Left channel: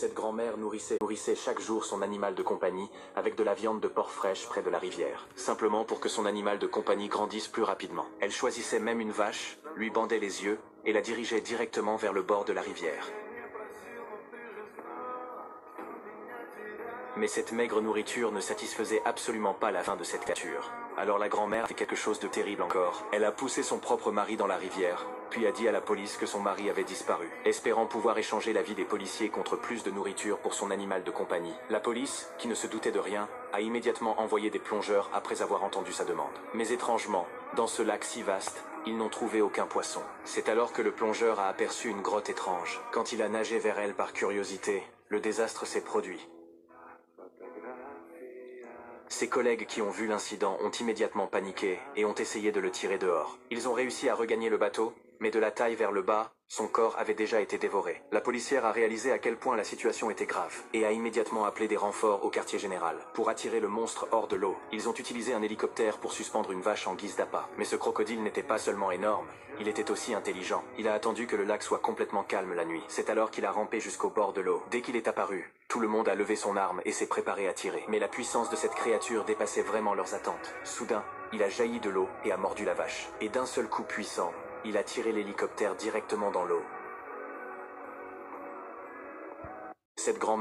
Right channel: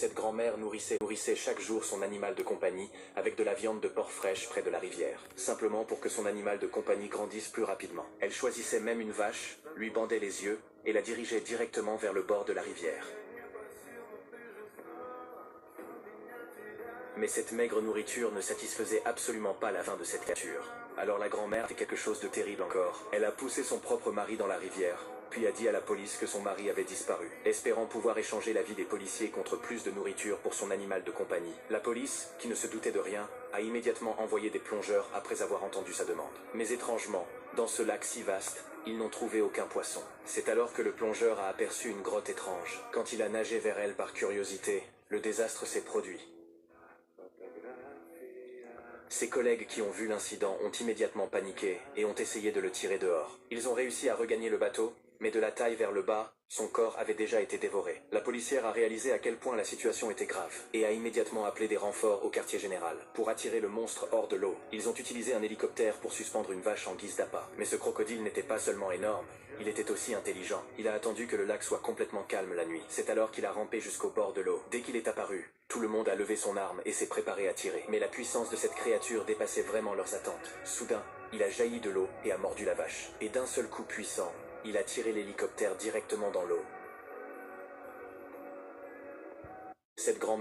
Cette grand-mère nourrissait chaque jour son animal de compagnie avec de la viande de porc fraîche près de la rivière, simplement pour que son animal de compagnie grandisse plus rapidement. Elle choisissait même une vache, lui bandait les yeux et la dirigeait directement vers le bord de la rivière. Mais cette maigre nourriture ne satisfaisait absolument pas la faim de cette créature. Alors la grand-mère fait quelque chose de terrible encore. Elle a poussé son propre mari dans la rivière, puis a dit à la police que son mari avait disparu, espérant pouvoir échanger la vie des policiers contre plus de nourriture pour son animal de compagnie. La police, qui ne se doutait de rien, a immédiatement envoyé des plongeurs après avoir entendu sa demande. Mais étrangement, dans ce lac si vaste, ils n'ont trouvé aucun poisson. C'est alors que le plongeur a aperçu une grotte étrange. Quand il a nagé vers elle par curiosité, le désastre s'est produit. Ses collègues qui ont vu l'incident ont immédiatement paniqué et ont essayé de le tirer dehors. Ils ont réussi à regagner le bateau, mais de la taille vers le bas, son corps avait déjà été dévoré. La policière a réalisé à quel point la situation était grave et a immédiatement appelé des renforts au quartier général. Pour attirer le monstre hors de l'eau, ils ont utilisé un hélicoptère pour suspendre une vache en guise d'appât. Mais ce crocodile n'était pas seulement énorme, il était aussi intelligent. Il a attendu que le lac soit complètement calme la nuit. C'est alors qu'il a rampé jusqu'au bord de l'eau. Dès qu'il est apparu, tout le monde a levé son arme et s'est préparé à tirer. Mais la puissance de cette créature dépassait vraiment leurs attentes. Soudain, il a jailli de l'eau et a mordu la vache. Et d'un seul coup puissant, il a tiré l'hélicoptère directement dans l'eau. Cette grand-mère